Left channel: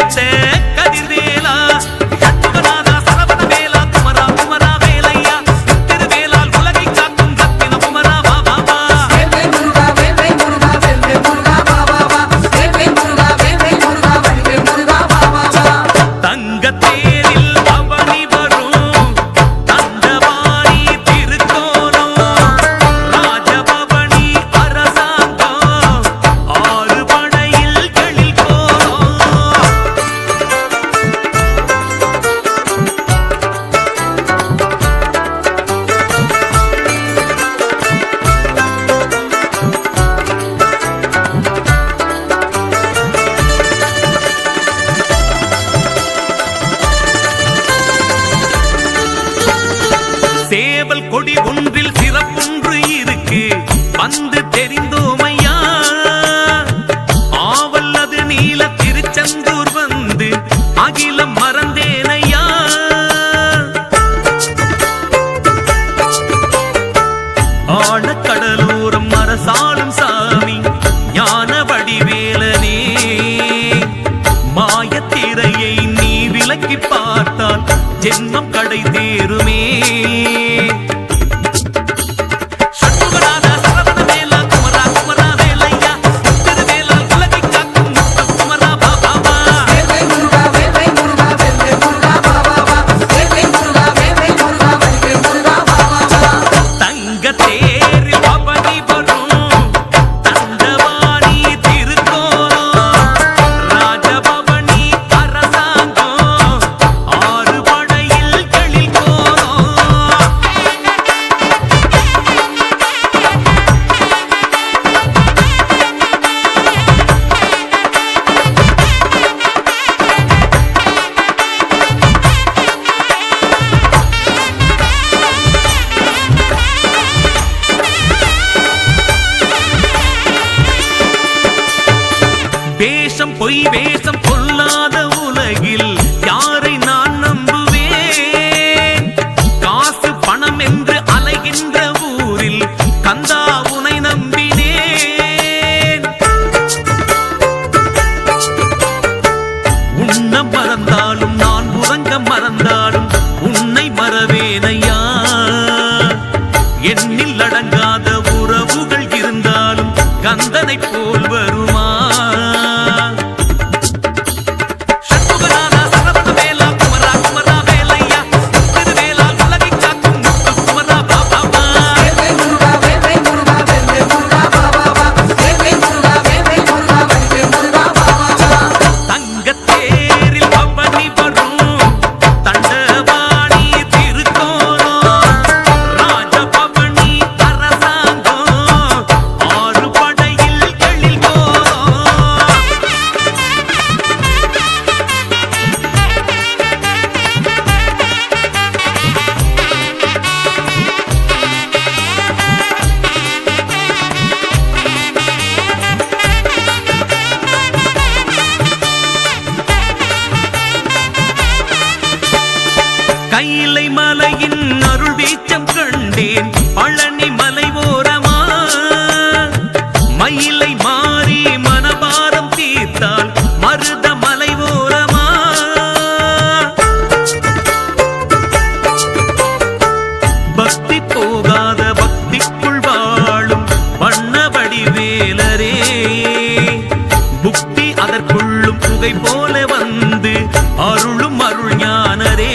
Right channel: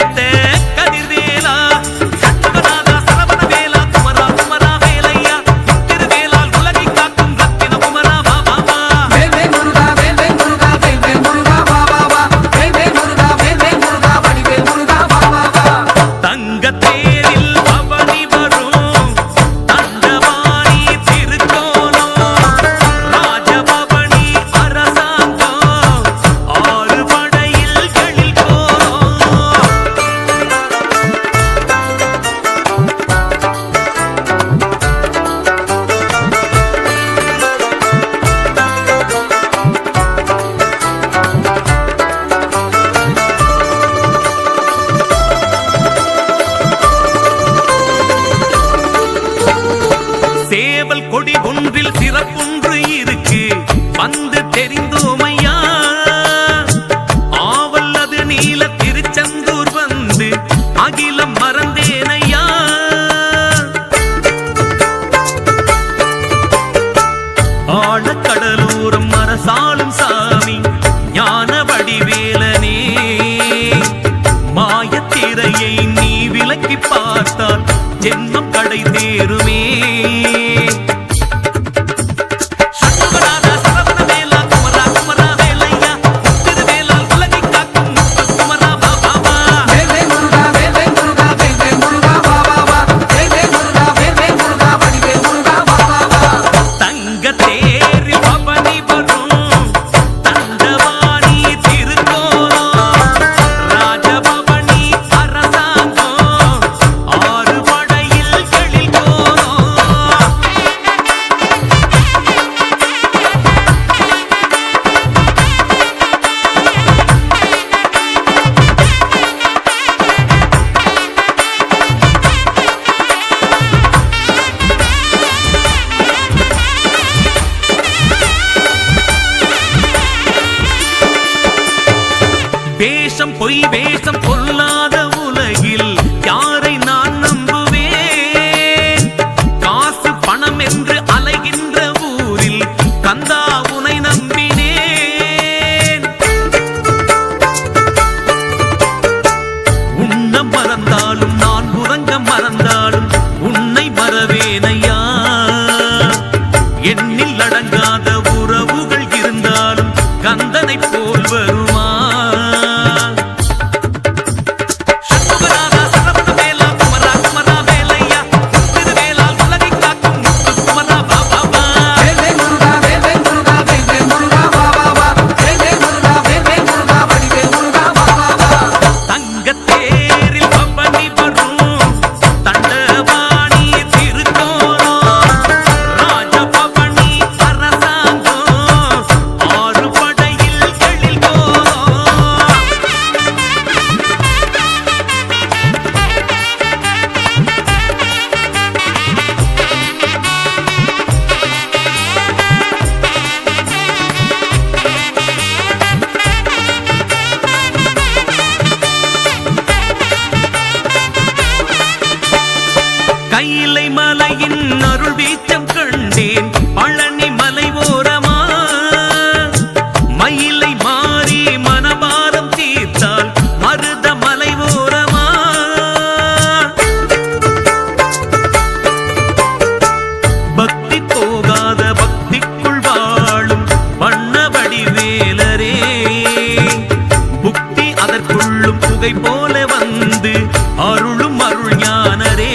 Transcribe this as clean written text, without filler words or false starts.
கடித்த கதிர்வேலா சண்முகநாதா சரவண வேலா குமரா குமரா வேலையா திருவேலால் உலகை காக்கும் ரத்தின குமரா வா வா வா தங்கத்தேரில் பவனி வரும் தண்டவாணி திருக்கோலம் ராஜபவனி அரசாங்கம் ஆறு படையில் எழில் கோலம் சேவல் கொடி ஒன்றில் சிறப்பொன்று இருக்கு வந்து தெரிந்தோமையா ஆவல் அது நீல திருச்செந்தூர் வந்து அகிலம் மறந்தேனையா ஆழக்கடலோரம் அரசாளும் சாமி ஞான வடிவேலனே மாயத்திரையை நீ விலக்கி பார்த்தால் ஜென்மம் கடை தேருமே சண்முகநாதா சரவண வேலா குமரா குமரா வேலையா திருவேலால் உலகை காக்கும் முத்து குமரா வா வா வா தங்கத்தேரில் பவனி வரும் தண்டவாணி திருக்கோலம் ராஜபவனி அரசாங்கம் ஆறு படையில் எழில் கோலம் வேஷம் பொய் வேஷம் கொல்லாத உலகில் யாரை நான் நம்புவேன் காசு பணம் என்று அலைகின்ற ஊரில் கந்தா உனை நம்பினேன் உன்ன மறந்தாலும் நான் உறங்க மறந்தாலும் உன்னை மறவேனையா எண்ணில் அடங்காத உறவுகள் இருந்தாலும் கந்தனை போல் வருமா சண்முகநாதா சரவண வேலா குமரா குமரா வேலையா திருவேலால் உலகை காக்கும் முத்து குமரா வா வா வா தங்கத்தேரில் பவனி வரும் தண்டவாணி திருக்கோலம் ராஜபவனி அரசாங்கம் ஆறு படையில் எழில் கோலம் கைலை மலையின் அருள் வீச்சம் கண்டேன் பழனி மலை ஓரமா மயிலை மாறி மனபாரம் தீர்த்தால் மருத மலை ஓரமா பக்தி போகாத பக்திக்குள் வாழும் வண்ண வடிவேலரே புக்தி அதற்குள்ளும் புகை போல வந்து அருளும் அருள் ஞானரே